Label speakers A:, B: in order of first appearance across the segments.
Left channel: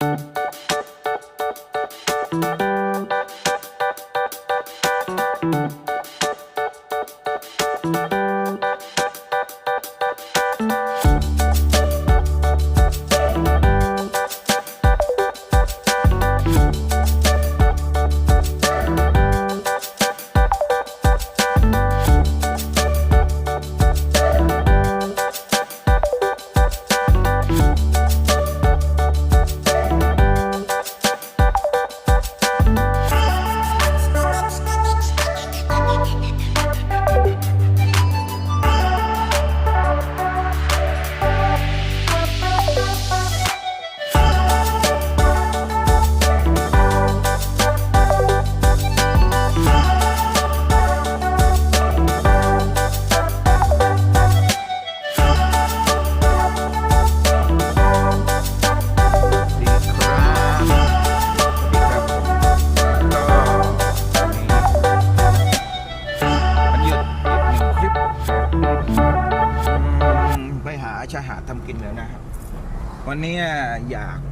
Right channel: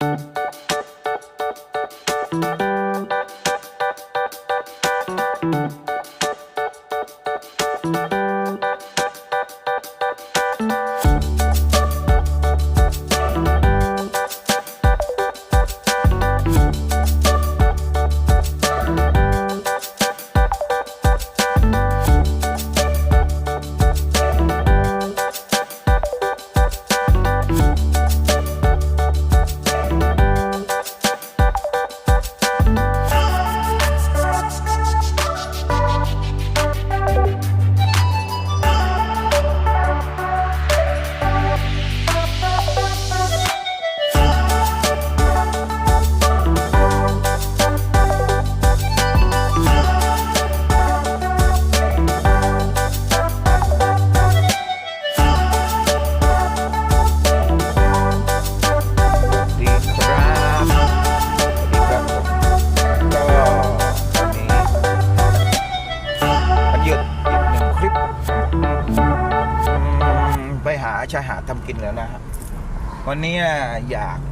A: ส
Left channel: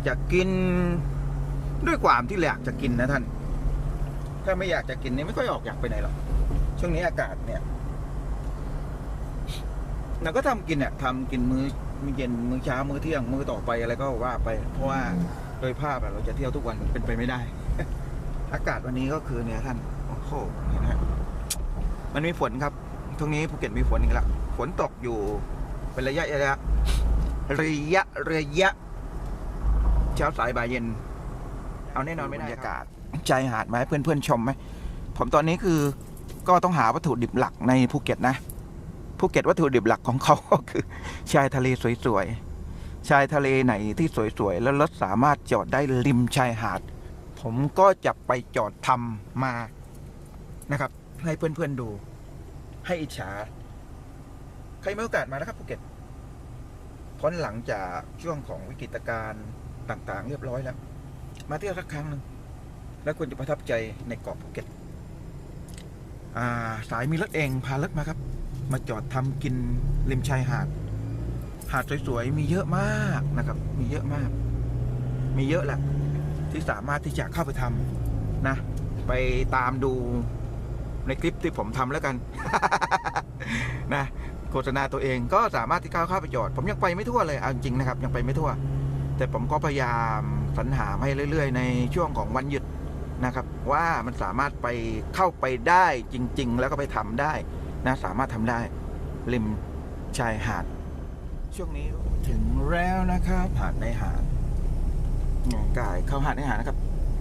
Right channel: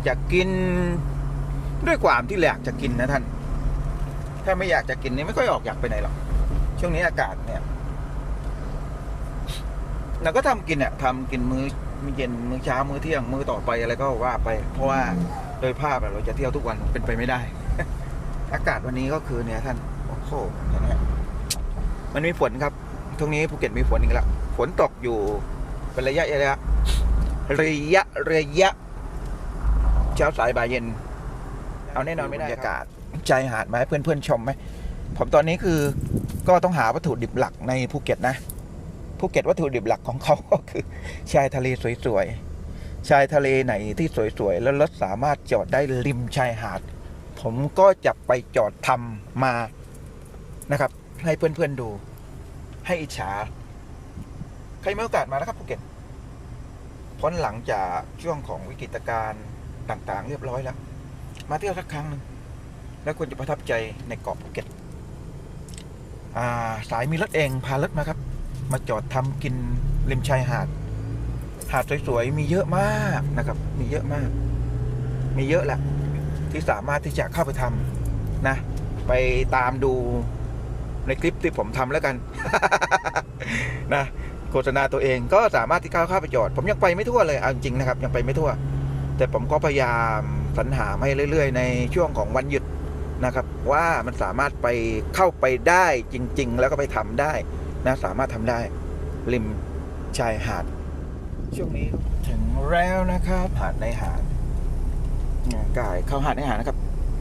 A: จะกิน ด้วยความที่อยากจะกินนะท่าน ถ้าไม่อยากจะกินนี่ไม่ค่อยออกอยากไปไหนหรอกช่วงนี้อากาศเนี่ยเราก็ทำกินอะทำกินมื้อมื้อเย็นมื้อเช้ามื้อเที่ยงมื้อต่อไปอะไรก็ว่าไป เพราะว่าโดยภาพเราจะเที่ยวทุกวันเป็นไปไม่ได้ อากาศวันนี้ก็คือเนี่ยท่านโอ้โหเห็นไหมฮะมันมีฝนครับช่วงนี้ภูเก็ตมีฝนอีกแล้วฝนตกอยู่เป็นระยะระยะระยะระยะ เช้าสายบ่ายเย็น เอาแน่นอนไม่ได้บรรยากาศใจหาดไหมาให้เพื่อนๆชมไหมผมตอนนี้คือก็ต้องหาวัตถุดิบหลักในภูเก็ตนะภูเก็ตวัตถุดิบหลักของเขาก็คือ ชายทะเลสวยๆชายทะเลไหนที่สวยๆแล้วรถสามารถจอดได้ริมชายหาด ผมก็จะไปจอดทำมานะครับ ให้เพื่อนๆดู ให้อิจฉาใครมีโอกาสมานะครับภูเก็ตพ้นหลังจากช่วงของวิกฤตการณ์ ต่างๆ เรียบร้อยแล้ว มาเที่ยวสักครั้งหนึ่งแล้วคุณจะประทับใจในเกาะภูเก็ตสายมีรถเองพารถมาครับ มาจอดทำกินริมชายหาด หาดสวยๆมีเยอะมากนะครับ มีเยอะมาก มีเยอะแหละที่สามารถที่จะเข้าไปทำนะ ไปตามดูในคลิปที่ผมทำแล้วกัน นะโฆษณาตัวเองก็สามารถที่เข้าเข้าไปจอด ผมยังไปไม่ทั่วเลยเอาจริงๆนะครับ ยังไปไม่ทั่ว แต่ผมก็พยายามสรรหาให้เรื่อย ๆ ในช่วงของวันหยุดนะครับ ว่ามันสามารถไปเข้าไปได้จริง ๆ แล้วก็ไปทำได้นะสามารถทำได้ ริมชายหาด ช่วงนี้ถึงแล้วนะครับหาดในหาดเนี่ยกายเข้าหาดในหาดนะครับ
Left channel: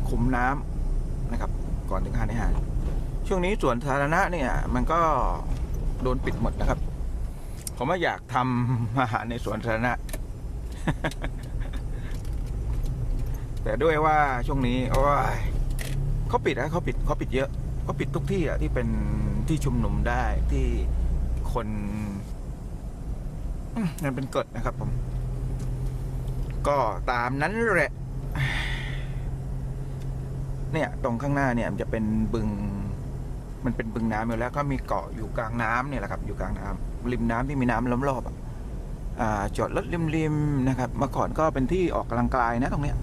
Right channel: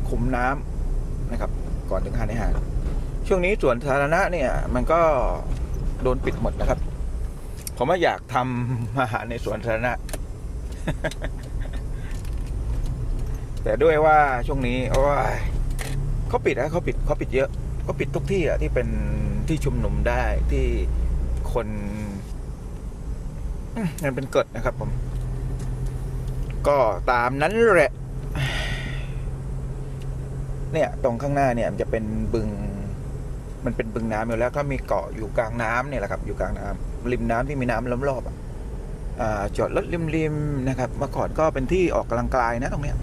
A: ขุมน้ำนะครับ ก่อนถึงหาดในหาดช่วงนี้สวนสาธารณะเนี่ย มันก็โดนปิดหมดนะครับ ผมว่าอยากทำอาหารในสวนสาธารณะ แต่ด้วยว่าช่วงนี้โอ้ยเขาปิดนะเขาปิดเขาปิดเยอะเขาปิดทุกที่อะที่เป็นที่ชุมนุมได้ที่คนมนั่นเป็นกฎนะครับ ผม ก็ตามนั้นแหละ เนี่ย ตรงข้างหน้าเนี่ย มันจะเป็นบึง มันเป็นบึงน้ำอยู่แล้ว ก็มีเกาะอยู่กลางน้ำเนี่ยแหละครับ อยู่กลางน้ำริมน้ำที่มีน้ำล้อมรอบอะอ่าจอดรถริมๆนะครับ เมื่อก่อนก็เป็นที่ออกกำลังกายนะตรงเนี้ย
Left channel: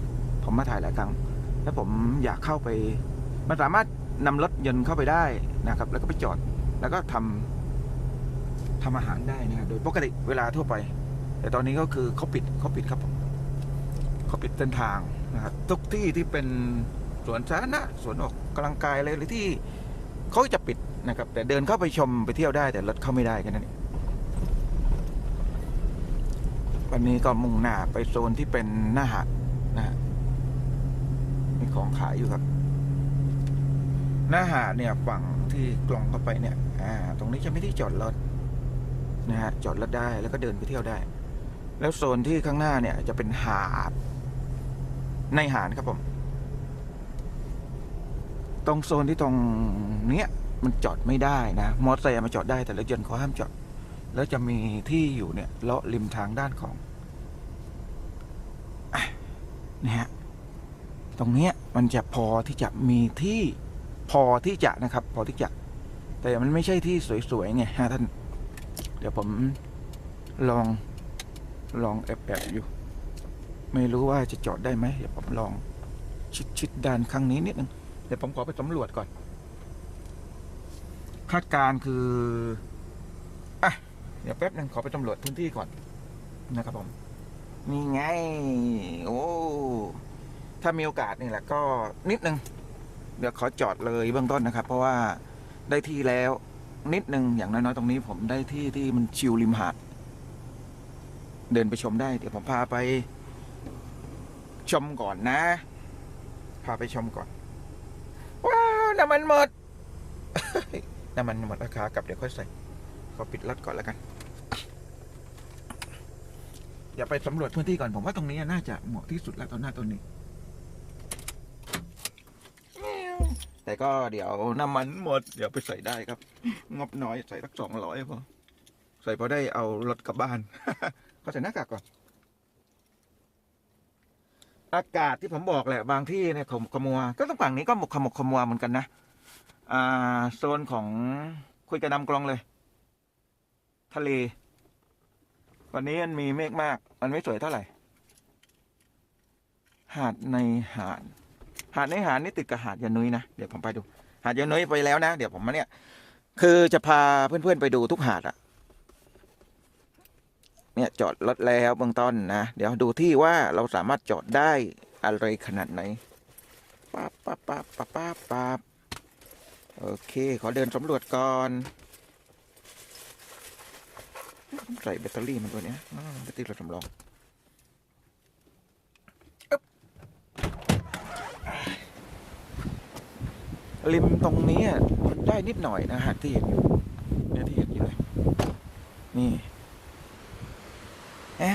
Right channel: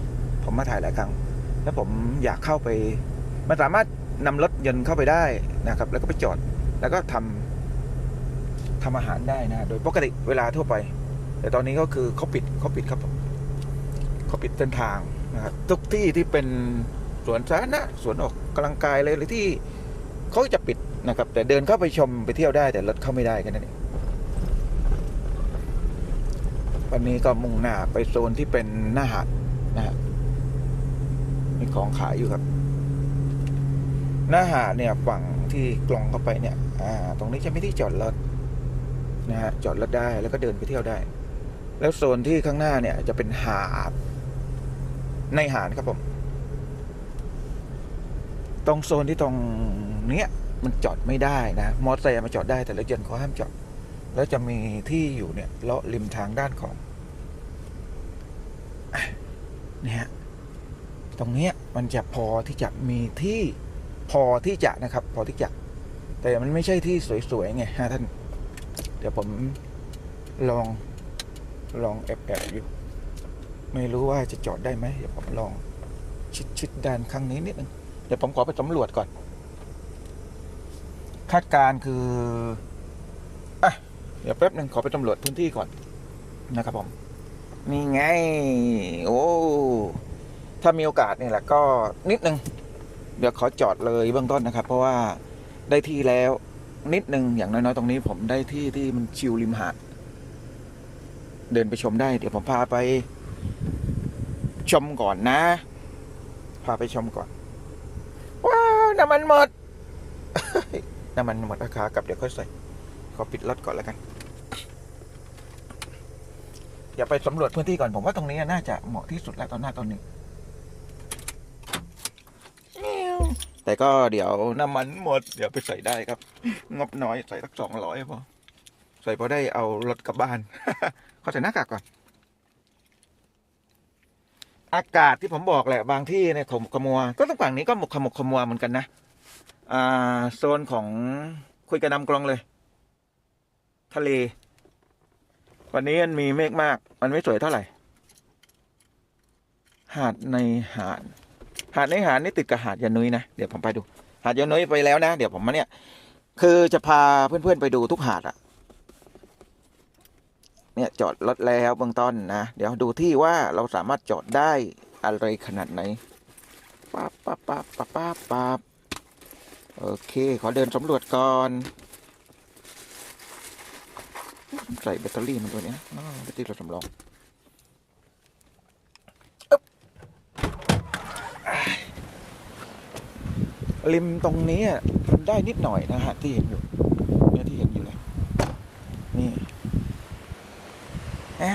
A: ผมมาถ่ายหลายครั้ง แล้วผมอยากเข้าไป มันสามารถนำรถยนต์เข้าไปได้นะครับ แล้วก็ไปจอด แล้วก็ทำทำอาหารได้นะ โดยปกติเวลาทั่วไป แต่ตอนนี้ก็คือเขาปิดเขาปิดครับผมเขาปิดเส้นทางนะครับทุกที่ที่เป็นสวนสาธารณะสวนออกกำลังกายอะไรเลยที่เขาจะปิดนะครับ แต่เดินเข้าไปชมไปเที่ยวได้ แต่รถเข้าไม่ได้แค่นั้นเองวันนี้ก็มุ่งหน้าไปโซนที่เป็นหน้าหาดนะฮะ มีของขายอยู่ครับ หน้าหาดเนี่ยฝั่งที่กลองเข้าไปเนี่ย อ่า ตรงนี้จะไม่ที่จอดรถนะฮะจอดรถได้แล้วก็เดินไปเที่ยวได้ แล้วโซนที่ข้างหน้าเนี่ย จะเป็นหาด ในหาดครับผม ตรงโซนที่ตรงเนี้ยมันจอดไม่ได้นะ มอเตอร์ไซค์มาจอดได้แต่รถยนต์เขาห้ามจอด แล้วจะมีที่อยู่เนี่ยเลาะริมทางด้านของอะเนี่ฮะ ตรงนี้มันจะพอที่จะมีที่พอที่จะนะครับ พอที่จะ แต่มันไม่ใช่ที่สวยๆไงฮะท่าน เดี๋ยวผมลองลองแอบๆอยู่ ไม่รู้ว่าจะจอดได้ไหมเดี๋ยวผมลองชิดชิดด้านข้างนี้นิดนึงเดี๋ยวผมขอไปสำรวจก่อน คาดการคืออะเดี๋ยวแป๊บนึงขอไปสำรวจพื้นที่ก่อนนะครับผมนี่ไง โอ้ ถ้ามีโอกาสเนี่ยแหละก็นิดนึง เดี๋ยวขอจอดเลยเบื้องต้นนะครับ เพราะว่าได้ที่แล้วนิดนึงอย่างน้อยๆตรงนี้ผมได้ที่ที่มันชิลริมหาดเดินไปชมได้ เดี๋ยวผมพาไปชมก่อนนะ พาไปชมก่อน ว้าวน้ำมันหมดน้ำมันหมดราคากลับเดี๋ยวค่อยใส่ขอปิดรถก่อนแล้วกันอย่าไปสำรวจพื้นที่ก่อนผมว่าตรงนี้น่าจะเหมาะที่สุดแล้วตอนหน้าตอนนี้ แต่ก็เดี๋ยวน้ำมันหมด เดี๋ยวไปใส่ได้ครับ งบน้อยใส่สักสองร้อยพอ ใส่พอได้เอารถกลับบ้านขอใส่หน้ากากก่อน อากาศที่ผมบอกแหละบางที่เนี่ยขมขมัว ก็ต้องฝั่งนี้ก็หมกขมกขมัวเหมือนกันนะ อ่า โซนของคุยกระนำกลองเลย ทะเล วันนี้มันมีเมฆมาก มันไม่สวยเท่าไหร่ หาดในหาด หาดในหาดนี่ติดกับหาดยานุยนะเดี๋ยวผมไปดู หาดยานุยไปแล้วนะเดี๋ยวผมมาเนี่ย คือจะพาเพื่อนๆไปดูทุกหาดอะเนี่ยจอดรถแล้วเบื้องต้นนะเดี๋ยวดูที่ว่าเราสามารถจอดได้อะไรขนาดไหนป๊าบป๊าบป๊าบป๊าบป๊าบป๊าบโอเค ขอเดินสำรวจก่อนใส่แบตเตอรี่มันตัวเนี้ยแบตเตอรี่เราสำรองอึ๊บ ริมตรงนี้อะได้นิดหน่อยนะฮะที่เห็นอยู่เนี่ยที่เห็นอยู่นี่แหม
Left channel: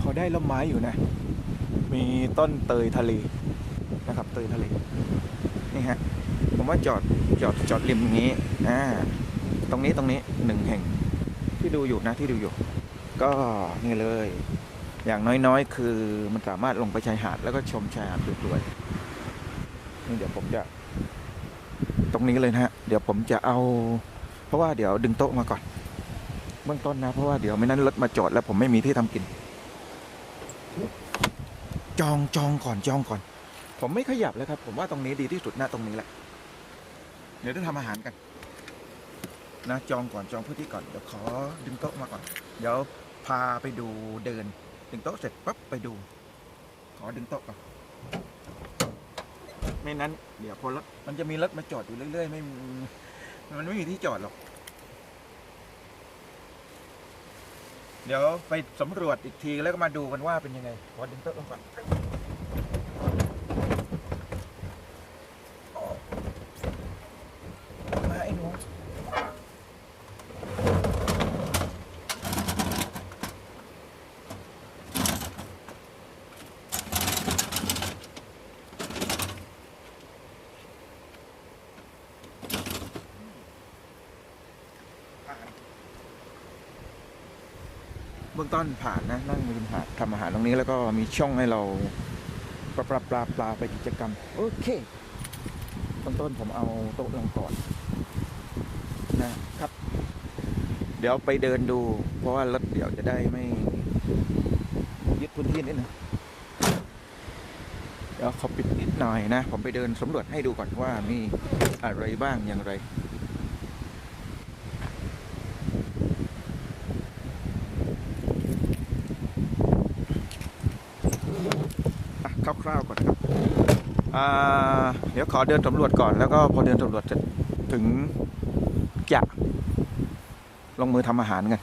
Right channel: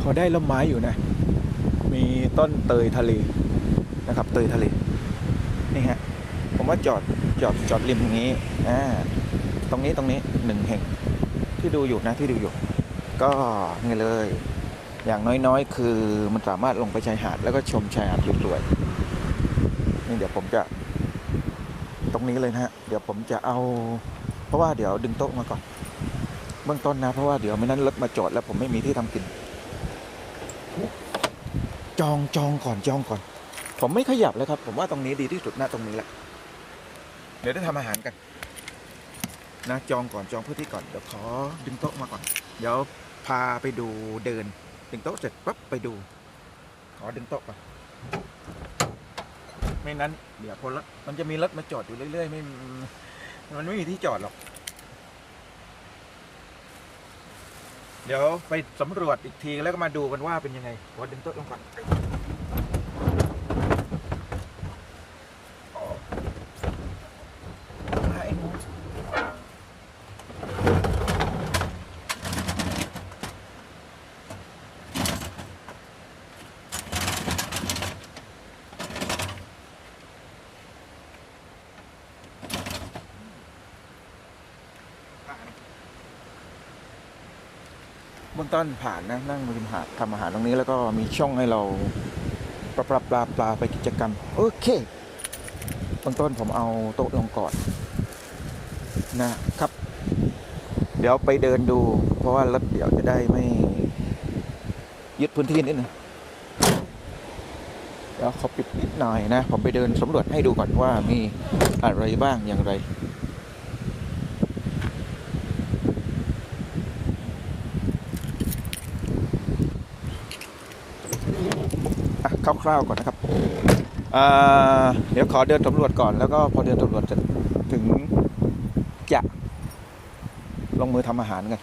A: เขาได้ล่มไม้อยู่นะ มีต้นเตยทะเลนะครับ เตยทะเล นี่ฮะ ผมว่าจอดจอดจอดริมอย่างนี้อ่าตรงนี้ตรงนี้หนึ่งแห่งที่ดูอยู่นะที่ดูอยู่ ก็นี่เลย อย่างน้อยๆ คือมันสามารถลงไปชายหาด แล้วก็ชมชายหาดสวยๆนี่เดี๋ยวผมจะ ตรงนี้เลยนะฮะเดี๋ยวผมจะเอา เพราะว่าเดี๋ยวดึงโต๊ะมาก่อนเบื้องต้นนะเพราะว่าเดี๋ยวไม่นั้นรถมาจอดแล้วผมไม่มีที่ทำกิน จองจองก่อนจองก่อน ผมไม่ขยับเลยครับ ผมว่าตรงนี้ดีที่สุดนะตรงนี้แหละ เดี๋ยวได้ทำอาหารกันนะจองก่อนจองพื้นที่ก่อนเดี๋ยวขอดึงโต๊ะมาก่อน เดี๋ยวพาไปดูเดิน ดึงโต๊ะเสร็จปั๊บไปดู ขอดึงโต๊ะก่อนไม่นั้น เดี๋ยวพอรถมันจะมีรถมาจอดอยู่เรื่อยๆไม่มีมันไม่มีที่จอดหรอก เดี๋ยวไปสำรวจอีกทีแล้วก็มาดูกันว่าเป็นยังไงขอดึงโต๊ะลงก่อน มาไอ้หนูเบื้อง ต้นผ่านนะนั่งริมหาดทำอาหารตรงนี้แล้วก็มีช่องให้เราปลาปลาปลาปลาไปกิจกรรม โอเคเบื้องต้นผมเอาโต๊ะลงก่อนนะครับ เดี๋ยวไปเดินดู เพราะว่ารถเดี๋ยวจะได้ไม่ยึดพื้นที่นิดนึงเดี๋ยวขอปิดนิดหน่อยนะ ผมไปเดินสำรวจให้ดูก่อนว่ามีอะไรบ้างอย่างไร คร่าวๆก่อนนะครับเดี๋ยวขอเดินสำรวจก่อนแล้วก็พอเดินสำรวจเสร็จถึงจะลงมือทำอาหารกัน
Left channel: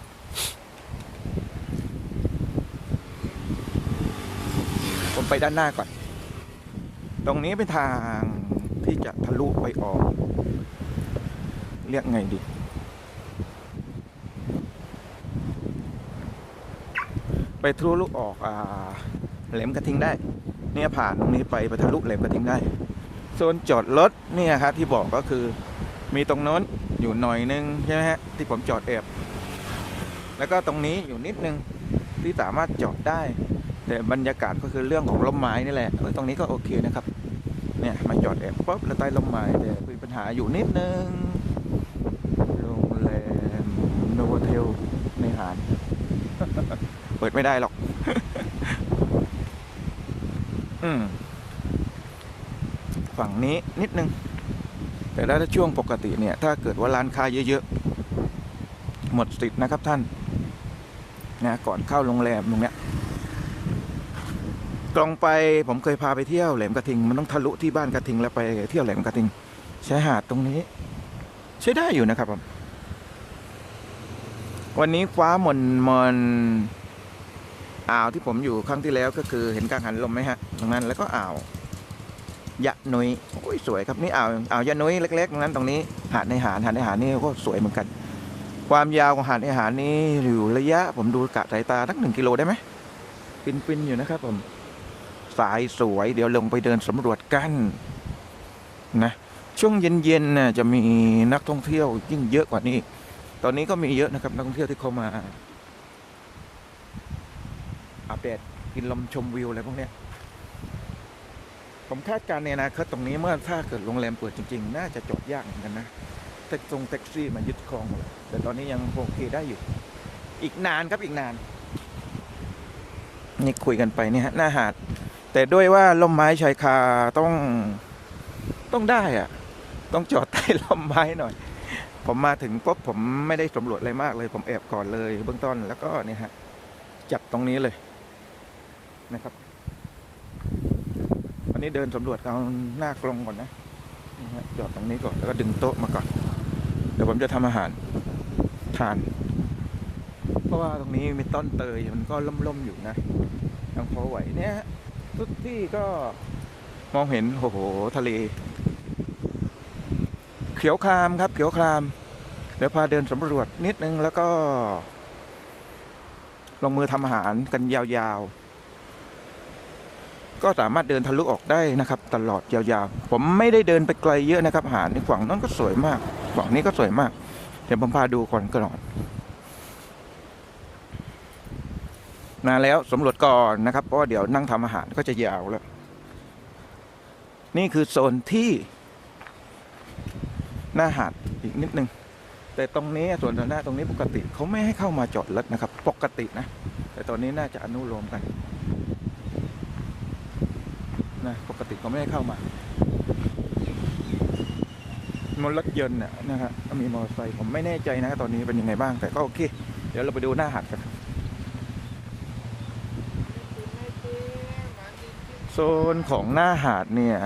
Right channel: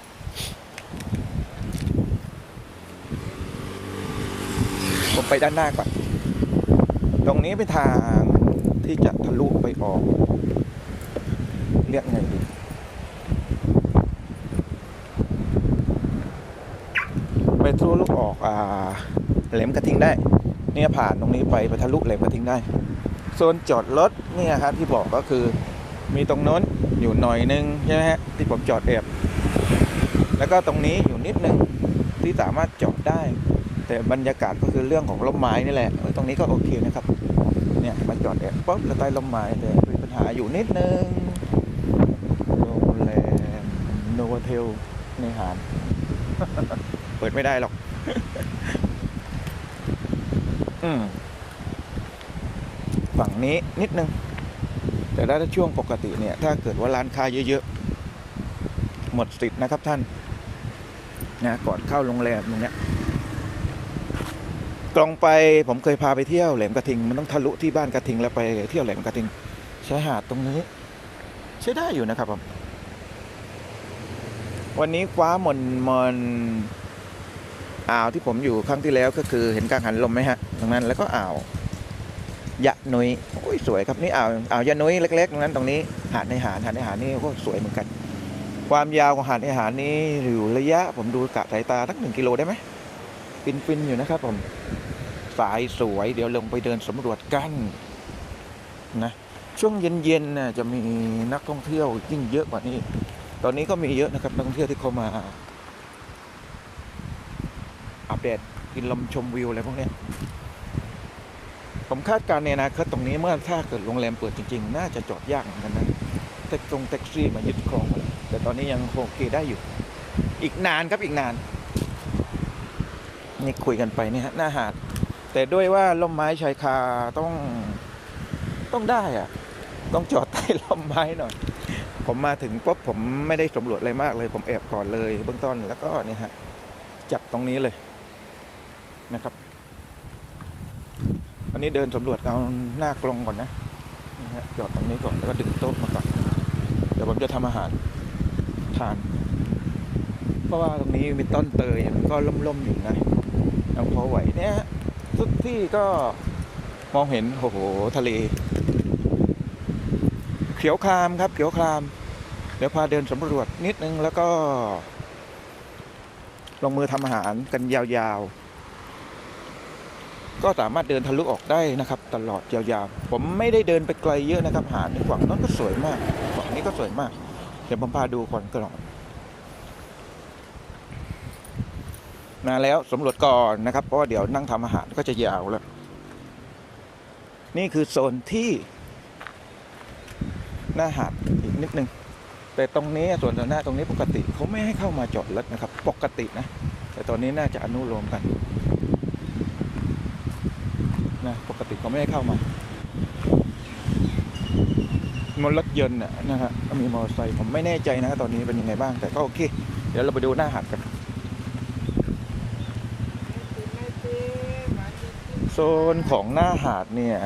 A: ผมไปด้านหน้าก่อน ตรงนี้เป็นทางที่จะทะลุไปออก เรียกไงดี ไปทะลุออกอ่าแหลมกระทิงได้ เนี่ยผ่านตรงนี้ไปไปทะลุแหลมกระทิงได้โซนจอดรถเนี่ยครับที่บอกก็คือมีตรงโน้นอยู่หน่อยนึงใช่ไหมฮะที่ผมจอดแอบแล้วก็ตรงนี้อยู่นิดนึงที่สามารถจอดได้ แต่บรรยากาศก็คือเรื่องของร่มไม้นี่แหละเออตรงนี้ก็โอเคนะครับเนี่ยมาจอดแอบป๊บแล้วใต้ร่มไม้แต่คือปัญหาอยู่นิดนึงโรงแรมโนวเทลในหาร เปิดไม่ได้หรอก อืมฝั่งนี้นิดนึง แต่ถ้าช่วงปกติเนี่ย ถ้าเกิดว่าร้านค้าเยอะๆ หมดสิทธิ์นะครับท่านนะก่อนเข้าโรงแรมตรงเนี้ยกลองไปผมเคยพาไปเที่ยวแหลมกระทิง มันต้องทะลุที่บ้านกระทิงแล้วไปเที่ยวแหลมกระทิงชายหาดตรงนี้ ใช้ได้อยู่นะครับผมวันนี้ฟ้ามนมน อ่าวที่ผมอยู่ครั้งที่แล้วก็คือเห็นกลางหันลมไหมฮะตรงนั้นแล้วก็อ่าวยะนุยโอ้ยสวยครับนี่อ่าวอ่าวยะนุยเล็กๆตรงนั้นตรงนี้หาดในหารหาดในหารนี่ก็สวยเหมือนกัน ความยาวของหาดในหารนี่อยู่ระยะ ผมดูกะสายตาทั้งหนึ่งกิโลได้ไหมฟินๆอยู่นะครับผมสายสวยเดี๋ยวลงไปเดินสำรวจกันนะช่วงเย็นๆน่ะจะมีนักท่องเที่ยวยิ่งเยอะกว่านี้ ตอนนี้ก็มีเยอะนะครับนักท่องเที่ยวที่เข้ามา อัปเดตกินลมชมวิวอะไรพวกนี้ผมคาดการณ์ในอนาคตตรงนี้เมื่อถ้าเกิดโรงแรมเปิดจริง ๆ น่าจะจอดยากเหมือนกันนะแท็กซงแท็กซี่มายึดครองหมดแต่ตอนนี้ยังโอเคได้อยู่ อีกนานครับอีกนาน นี่คุยกันไปเนี่ยหน้าหาด แต่ด้วยว่าล่มไม้ชายคาต้องต้องได้อะต้องจอดใต้ล่มไม้หน่อย ผมมาถึงปุ๊บผมไม่ได้สำรวจอะไรมากเลย ผมแอบก่อนเลยเบื้องต้นแล้วก็นี่ฮะจับตรงนี้เลย นะครับ อันนี้เดินสำรวจเอาหน้ากลงก่อนนะนะฮะจอดตรงนี้ก่อนแล้วก็ดึงโต๊ะมาก่อนเดี๋ยวผมจะทำอาหารทาน เพราะว่าตรงนี้มีต้นเตยมันก็ล่มๆอยู่นะยังพอไหวเนี่ยทุกที่ก็มองเห็นโอ้โหทะเล เขียวครามครับ เขียวคราม เดี๋ยวพาเดินสำรวจนิดนึงแล้วก็ ลงมือทำอาหารกันยาวๆ ก็สามารถเดินทะลุออกได้นะครับ ตลอดยาวๆ ผมไม่ได้เดินไปไกลเยอะนะครับ หาดในฝั่งนั้นก็สวยมากฝั่งนี้ก็สวยมาก เดี๋ยวผมพาดูก่อนก่อนมาแล้วสำรวจก่อนนะครับเพราะว่าเดี๋ยวนั่งทำอาหารก็จะยาวแล้ว นี่คือโซนที่ หน้าหาดอีกนิดนึง แต่ตรงนี้ส่วนสาธาตรงนี้ปกติเขาไม่ให้เข้ามาจอดรถนะครับ ปกตินะ แต่ตอนนี้น่าจะอนุโลมกัน นะปกติเขาไม่ให้เข้ามามรถยนต์นะฮะก็มีมอเตอร์ไซค์ผมไม่แน่ใจนะตอนนี้เป็นยังไงบ้างแต่ก็โอเค เดี๋ยวเราไปดูหน้าหาดกันโซนของหน้าหาดเนี่ย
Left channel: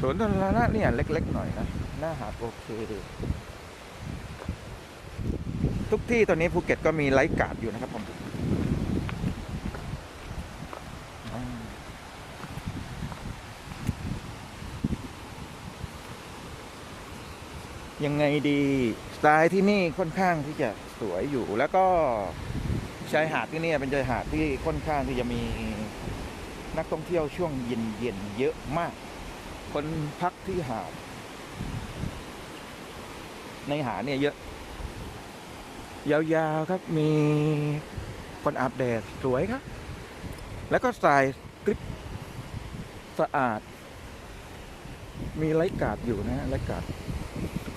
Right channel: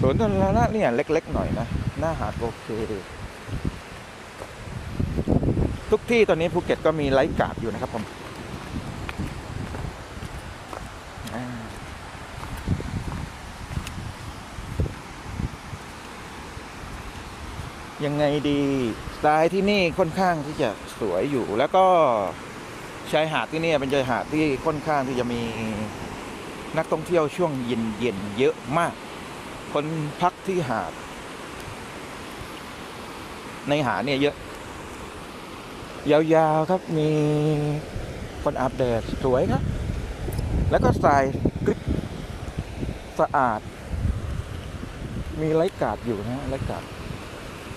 A: สวนสาธารณะเนี่ยเล็ก ๆ หน่อยนะ หน้าหาดโอเคทุกที่ตอนนี้ภูเก็ตก็มีไลฟ์การ์ดอยู่นะครับผมอ่า ยังไงดีสไตล์ที่นี่ค่อนข้างที่จะสวยอยู่ แล้วก็ชายหาดที่นี่เป็นชายหาดที่ค่อนข้างที่จะมีนักท่องเที่ยวช่วงเย็นๆเยอะมาก คนพักที่หาด ในหาดเนี่ยเยอะ ยาวๆครับมีคนอาบแดดสวยครับ แล้วก็ทรายกรึบสะอาด มีไลกาดอยู่นะไลกาด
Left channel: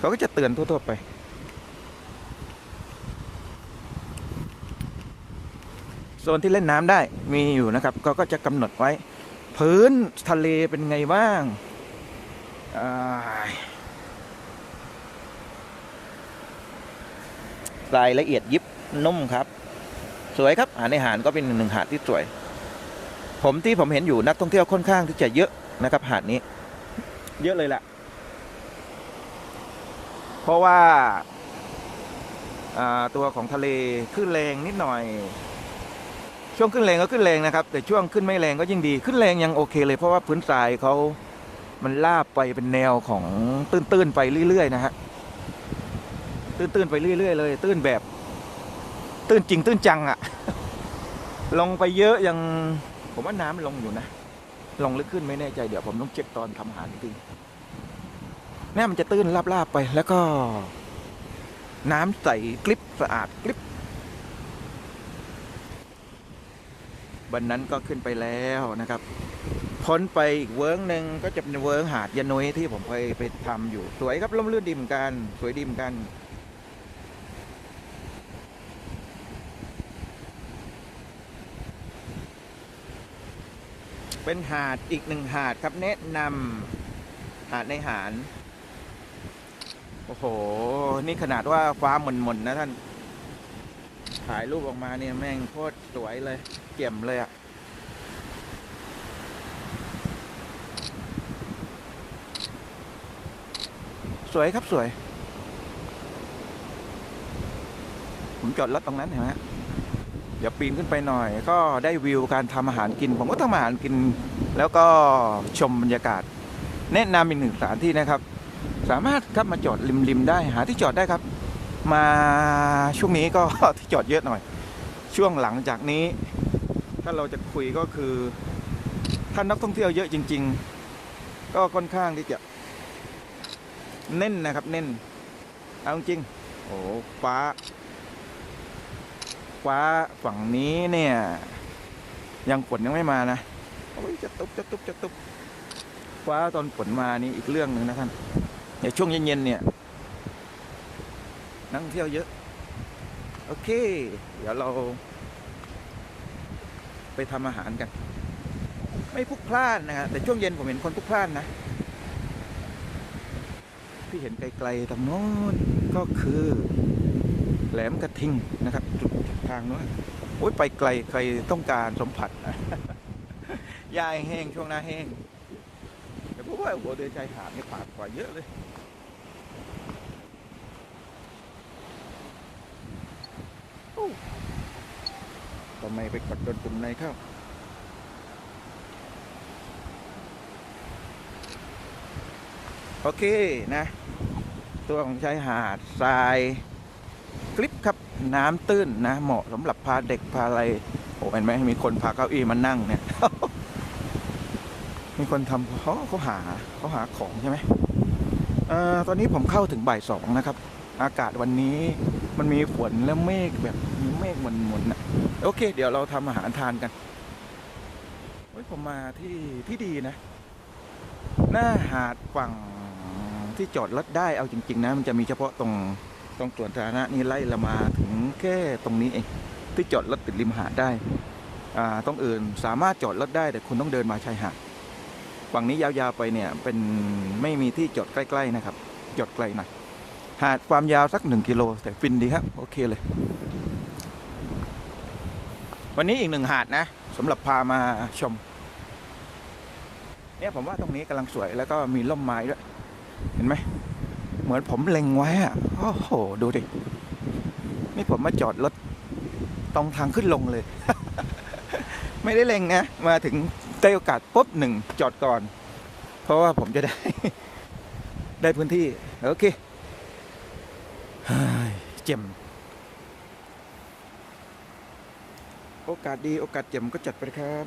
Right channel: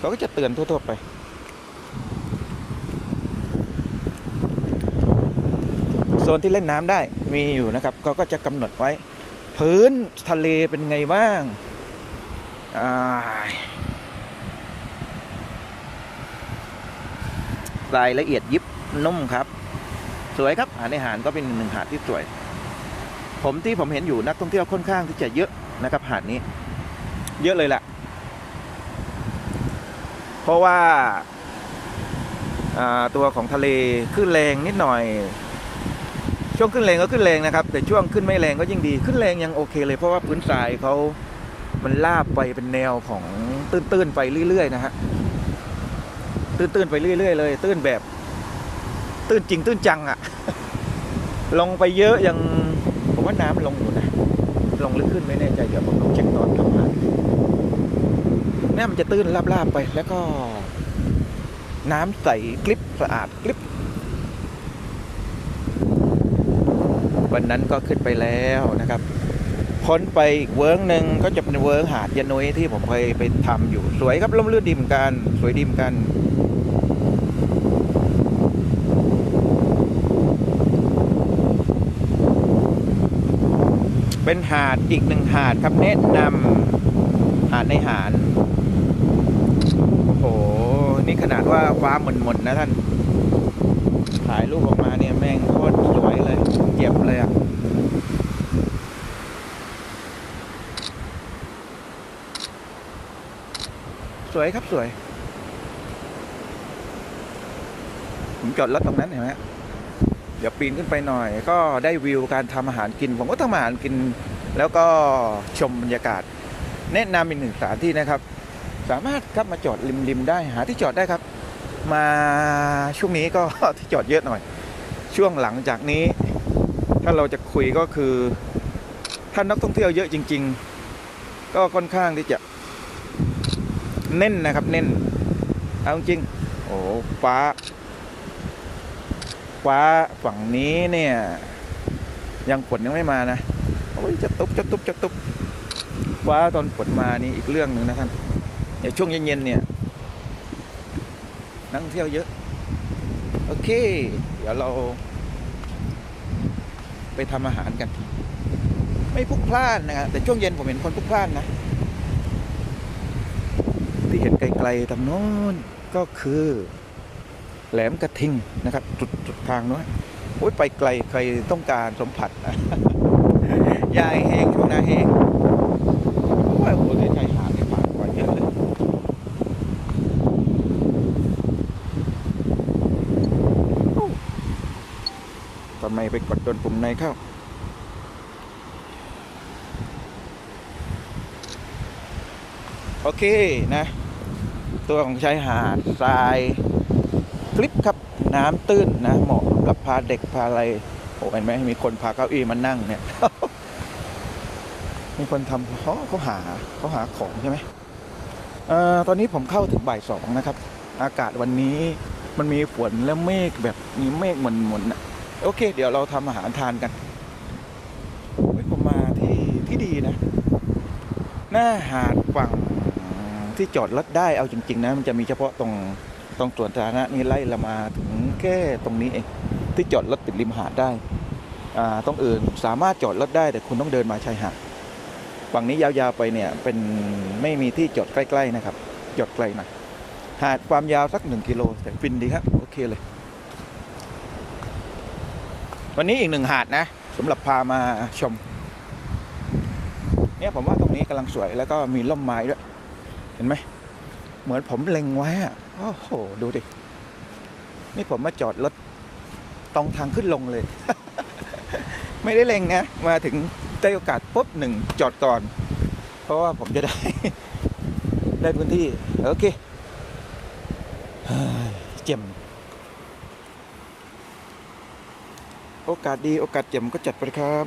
A: เขาก็จะเตือนทั่วๆไปโซนที่เล่นน้ำได้มีอยู่นะครับเขาก็จะกำหนดไว้ พื้นทะเลเป็นไงบ้างารายละเอียดยิบนุ่มครับ สวยครับหาดในหาดก็เป็นหนึ่งหาดที่สวย ผมที่ผมเห็นอยู่นักท่องเที่ยวค่อนข้างที่จะเยอะนะครับหาดนี้ เยอะเลยแหละ ราะว่าตัวของทะเลขึ้นแรงนิดหน่อย ช่วงขึ้นแรงก็ขึ้นแรงนะครับ แต่ช่วงขึ้นไม่แรงก็ยิ่งดีขึ้นแรงยังโอเคเลยเพราะว่าพื้นทรายเขามันลาบไปเป็นแนวของตื้นๆไปเรื่อยๆนะฮะตื้นๆไปเรื่อยๆเลย ตื้นแบบ ตื้นจริงตื้นจังอะลงไปเยอะยังผมว่าน้ำมันลงอยู่นะลงลึกขึ้นไม่แน่ใจเดี๋ยวผมต้องเช็คตอนทำงาน แม่มันจะตื้นลาบๆไป แล้วก็ น้ำใสกลิบสะอาดกลิบวันนั้นก็ขึ้นไปแล้วนะครับพ้นไปอีกเวิร์กหนึ่งก็จะเป็นเวิร์กหาดยะนุยที่ผมเคยไปทำอยู่สวยครับร่มรื่นดีเหมือนกันสวยดีเหมือนกันเป็นหาดอีกหนึ่งหาดครับแนะนำหาดในหาด โอ้โห นี่ขนาดว่าฟ้าหม่นๆนะท่าน ถ่ายรูปออกมาเนี่ยแม่งโคตรสวยเลยเจ็บเลยอะสวยครับสวย ผมจอดรถตรงนั้นเห็นไหมเดี๋ยวปีนขึ้นไปหน่อย ก็ได้วิวการทำอาหารกิน ผมก็ทำอาหารกิน แล้วก็ชมบรรยากาศ แนะนำอีกหนึ่งสถานที่นะครับ สามารถครับมาจอดริมๆได้หาที่จอดได้ครับ มาช่วงนี้ก็ที่จอดเยอะหน่อย ช่วงหลังจากนี้ ถ้าเราจะคุยก็คือถ้านักท่องเที่ยวเยอะจริง ๆ ก็ค่อนข้างที่จะเน้นนะครับเน้นเอาจริงโอ้ฟ้า ฟ้าฝั่งนี้เนี่ยยังฝนยังไม่มานะโอ้ยจะตุบจะตุบจะตุบฟ้าตอนฝนมานี่อีกเรื่องหนึ่งนะท่าน ในช่วงเย็นๆเนี่ย นักท่งเที่ยวเยอะ โอเค เดี๋ยวเรา ไปทำอาหารกัน ไม่พุกพลานนะครับแต่ช่วงเย็นผมเห็นคนพุกพลานนะ ที่เห็นไกลๆทางโน้นก็คือ แหลมกระทิงนะครับ จุดจุดทางโน้นโอ้ยไปไกลใครต้องการสัมผัสยายแห้งช่วงหน้าแห้งโอ้ยโอ้โหเลยชายหาดเนี่ยผ่านกว่าเยอะเลยโอ้ทำ ไปกดโดนปุ่มในเข้าโอเคนะ ตัวของชายหาดทรายคลิปครับน้ำตื้นนะเหมาะสำหรับพาเด็กพาอะไรโอ้เห็นไหมมีคนพาเก้าอี้มานั่งเนี่ย มีคนทำเขาเขาหาเขาหาของใช่ไหมเออตอนนี้ผมเข้าถึงบ่ายสองนะครับ อากาศวันนี้มันมีฝนและเมฆแบบมีเมฆหมนๆนะ โอเค เดี๋ยวเราทำอาหารทานกันเฮ้ยผมมาที่ที่ดีนะ หน้าหาดฝั่งที่จอดรถได้เอาจริง ๆ นะ มันจะมีเฉพาะตรงตรงสวนสาธารณะนี่ไล่ละมาถึงแค่ตรงนี้เอง ที่จอดรถติดริมหาดได้อ่าตรงอื่นสามารถจอดรถได้แต่คุณต้องเดินมาชายหาดฝั่งนี้ยาวๆไปเนี่ยเป็นไม่มีที่จอดใกล้ ๆ นะครับ จอดไกลหน่อยหาดความยาวสักหนึ่งกิโลแต่ฟินดีครับโอเคเลย วันนี้อีกหนึ่งหาดนะสำหรับพามาชม เนี่ยผมว่าตรงนี้กำลังสวยแล้วก็มีร่มไม้ด้วย เห็นไหม เหมือนผมเล็งไว้อะโอ้โห ดูดิ นี่ผมมาจอดรถตรงทางขึ้นลงเลย ไม่ได้เล็งนะ มาถึงได้โอกาสปุ๊บหนึ่งจอดก่อน เพราะว่าผมจะได้ ได้พื้นที่ โอเคเฮ้ยเจ็ม โอกาสดีโอกาสเจ็มก็จัดไปครับ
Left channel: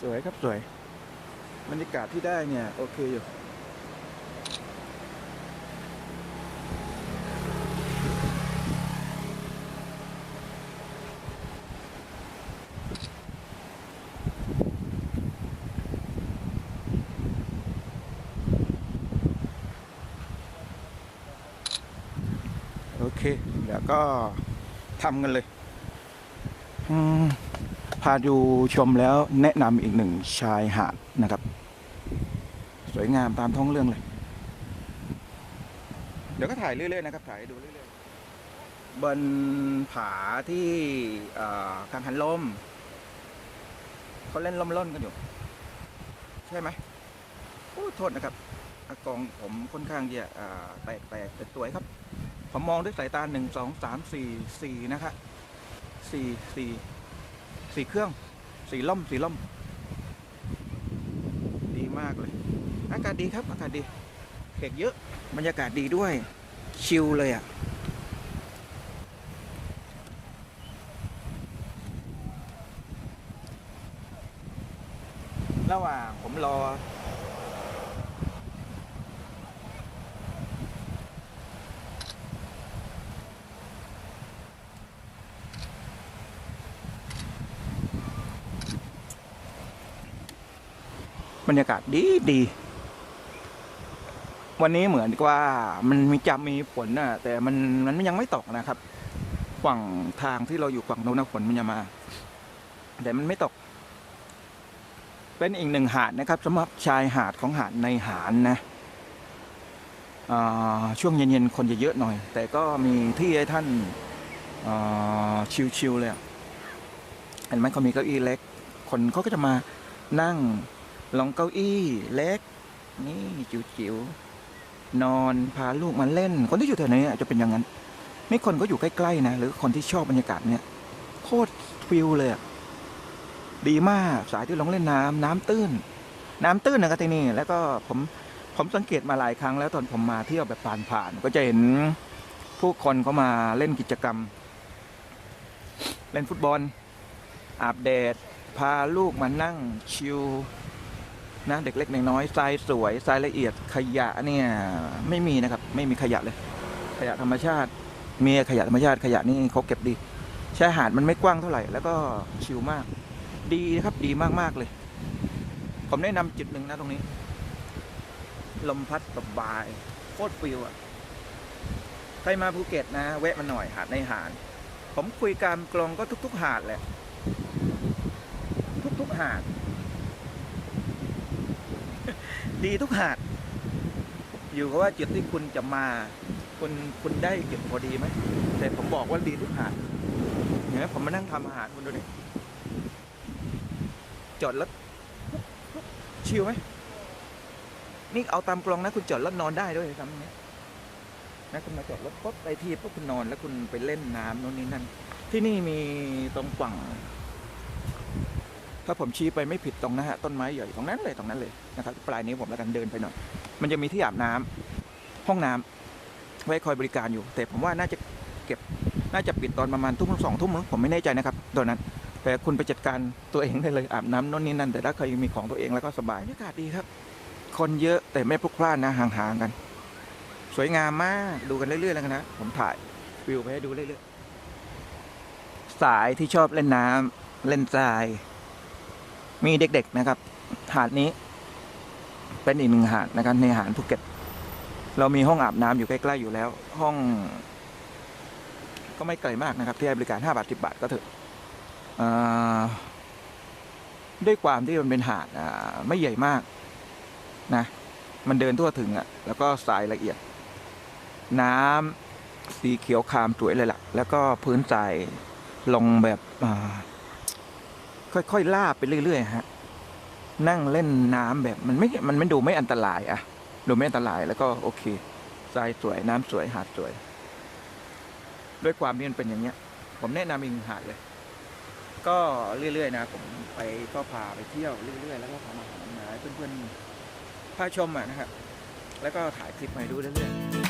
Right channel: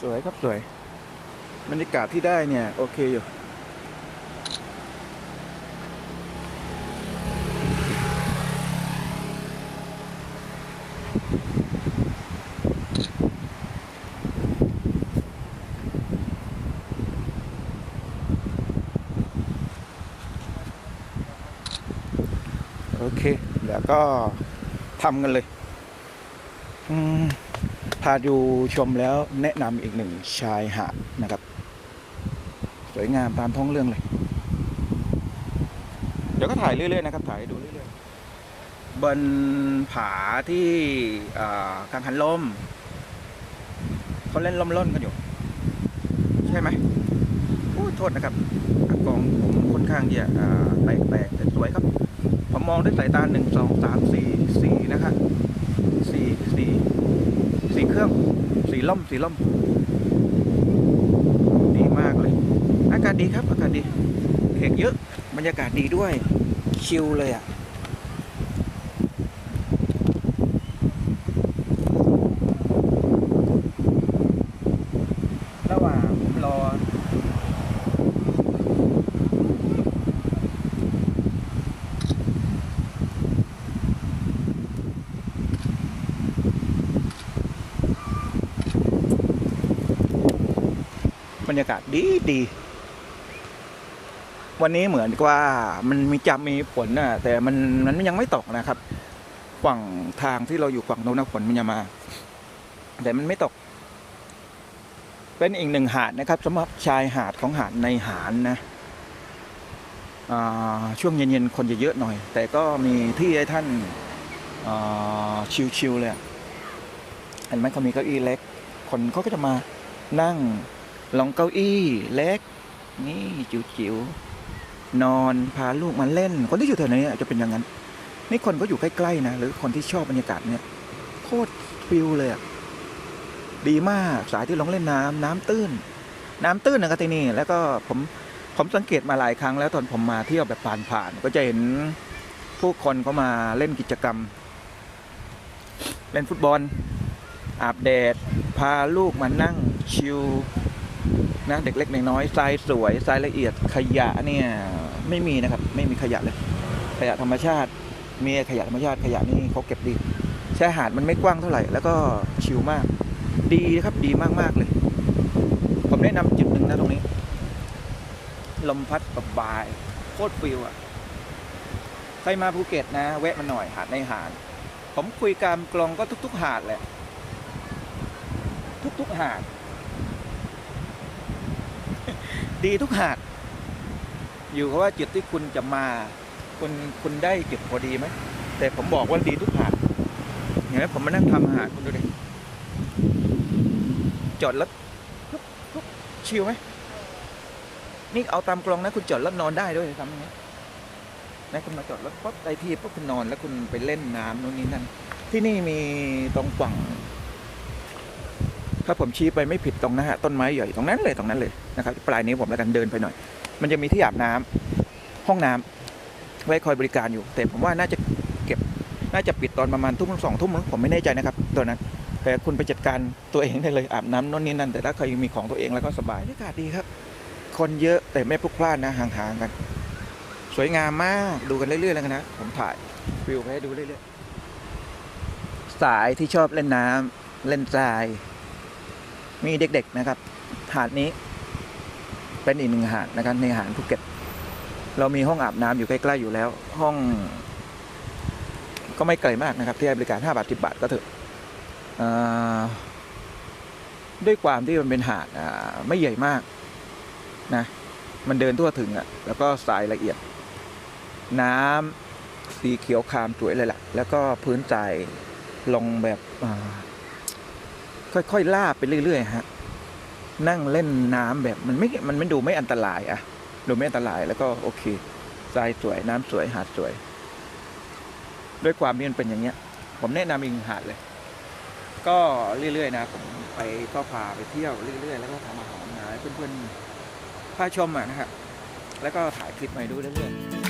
A: สวยครับสวยบรรยากาศที่ได้เนี่ย โอเคอยู่ โอเค เดี๋ยวก็ทำกันเลยอืมพาดูชมแล้วแนะนำอีกหนึ่งชายหาดนะครับ สวยงามตามท้องเรื่องเลย เดี๋ยวก็ถ่ายเรื่อยๆนะครับ ถ่ายให้ดูเรื่อยๆบนผาที่เอ่อกังหันลมเขาเล่นล่มล่นกันอยู่ ใช่ไหมโอ้ยโทษนะครับอากองผมค่อนข้างที่จะอ่าแตกๆแต่สวยครับ ผมมองด้วยสายตาหนึ่งสองสามสี่สี่นะครับสี่สี่สีเครื่องสีล่มสีล่มดีมากเลย อากาศดีครับ อากาศดีเขกเยอะ บรรยากาศดีด้วย ชิลเลยอะ่ะ ระหว่างผมรอ บรรยากาศดีดี วันนี้เหมือนกับว่ามันมีจะมีฝนนะแต่มันมันยังไม่ตกนะครับ ฝั่งทางที่เราอยู่ฝั่งโน้นนะฝนมันจะมา แต่มันไม่ตก เป็นอีกหนึ่งหาดนะครับสำหรับชายหาดของหาดในหาดนะอ่าช่วงเย็นๆคนจะเยอะหน่อย แต่ก็มีที่ให้ท่านชิลๆเลยเห็นไหมเขามีเก้าอี้เล็ก คนเขาก็จะมานั่ง ลองเก้าอี้เล็ก นี่จิ๋วๆนอนพาลูกมาเล่น คนที่อยู่แถวนี้จะเป็นอย่างนั้น นี่คนก็อยู่ใกล้ๆนะหรือคนที่ชอบบรรยากาศเนี่ยโคตรฟิลเลยอะดีมากสายที่ลงเล่นน้ำน้ำตื้น น้ำตื้นนะครับที่นี่แล้วก็ผมผมสังเกตมาหลายครั้งแล้วตอนผมมาเที่ยวแบบผ่านๆก็จะเห็นผู้คนเขามาเล่นกิจกรรม เล่นฟุตบอลอาบแดด พาลูกมานั่งชิล นะเด็กเล็กเด็กน้อยทรายสวยทรายละเอียดขยะเนี่ยไม่มีนะครับ ไม่มีขยะเลย ขยะธรรมชาติ มีขยะธรรมชาติขยะนี่เขาเก็บดีชายหาดมันไม่กว้างเท่าไหร่ แล้วก็ชิลมาก ดีครับดีมากๆเลย ผมแนะนำจุดหนึ่งนะตรงนี้ ลมพัดแบบาย โคตรฟิลอะใครมาภูเก็ตนะ แวะมาหน่อยหาดในหาด ผมคุยกามกลองก็ทุก ๆ หาดแหละ ทุก ๆ หาด ดีทุกหาด อยู่กับว่าจุดที่คุณจะมา คุณคุณได้จุดพอดีไหมแต่ผมบอกว่าดีทุกหาดเห็นไหมผมมานั่งทำอาหารคุณดูดิจอดรถชิลไหมนี่เอาตามกลองนะ คุณจอดรถนอนได้ด้วยทำอย่างนี้นะคุณมาจอดรถปุ๊บไอที่ปุ๊บคุณนอนแล้วคุณไปเล่นน้ำโน่นนี่นั่นที่นี่มีตรงฝั่ง ถ้าผมชี้ไปไม่ผิดตรงนะฮะต้นไม้ใหญ่ตรงนั้นเลยตรงนั้นเลยนะครับปลายนิ้วผมแล้วกันเดินไปหน่อย มันจะมีที่อาบน้ำห้องน้ำไว้คอยบริการอยู่ แต่ผมว่าน่าจะเก็บน่าจะปิดตอนประมาณทุ่มสองทุ่มมั้งผมไม่แน่ใจนะครับตัวนั้น แต่คุณไปจัดการตัวเองได้เลยอาบน้ำโน่นนี่นั่นแต่ถ้าใครมีของตัวเองแล้วก็สบายบรรยากาศดีครับ คนเยอะแต่ไม่พลุกพล่านนะห่างๆกัน สวยงามมากดูกันเรื่อยๆแล้วกันนะผมถ่ายวิวไปให้ดูเรื่อยๆสายที่ชอบเล่นน้ำเล่นทราย มีเด็กๆนะครับ หาดนี้ เป็นอีกหนึ่งหาดนะครับ ในหาดภูเก็ต เรามีห้องอาบน้ำอยู่ใกล้ๆอยู่แล้ว ห้องก็ไม่ไกลมากนะครับ ที่ให้บริการ 5 บาท 10 บาทก็เถอะอ่าด้วยความที่มันเป็นหาดไม่ใหญ่มากนะ มันเดินทั่วถึงอะ่ะ แล้วก็ทรายละเอียด น้ำสีเขียวครามสวยเลยล่ะ แล้วก็พื้นทรายลงแบบอ ค่อยๆลาบไปเรื่อยๆฮะนั่งเล่นน้ำแบบมันไม่ มันไม่ดูไม่อันตรายอะดูไม่อันตรายแล้วก็โอเคทรายสวยน้ำสวยหาดสวย ด้วยความที่มันเป็นอย่างเงี้ย ผมแนะนำอีกหนึ่งหาดเลย ก็เรื่อยๆนะผมไปก็พาไปเที่ยวเรื่อยๆแล้วก็ทำอาหารนะให้เพื่อนๆพาชมอะนะครับแล้วก็ถ่ายคลิปมาให้ดูเรื่อยๆ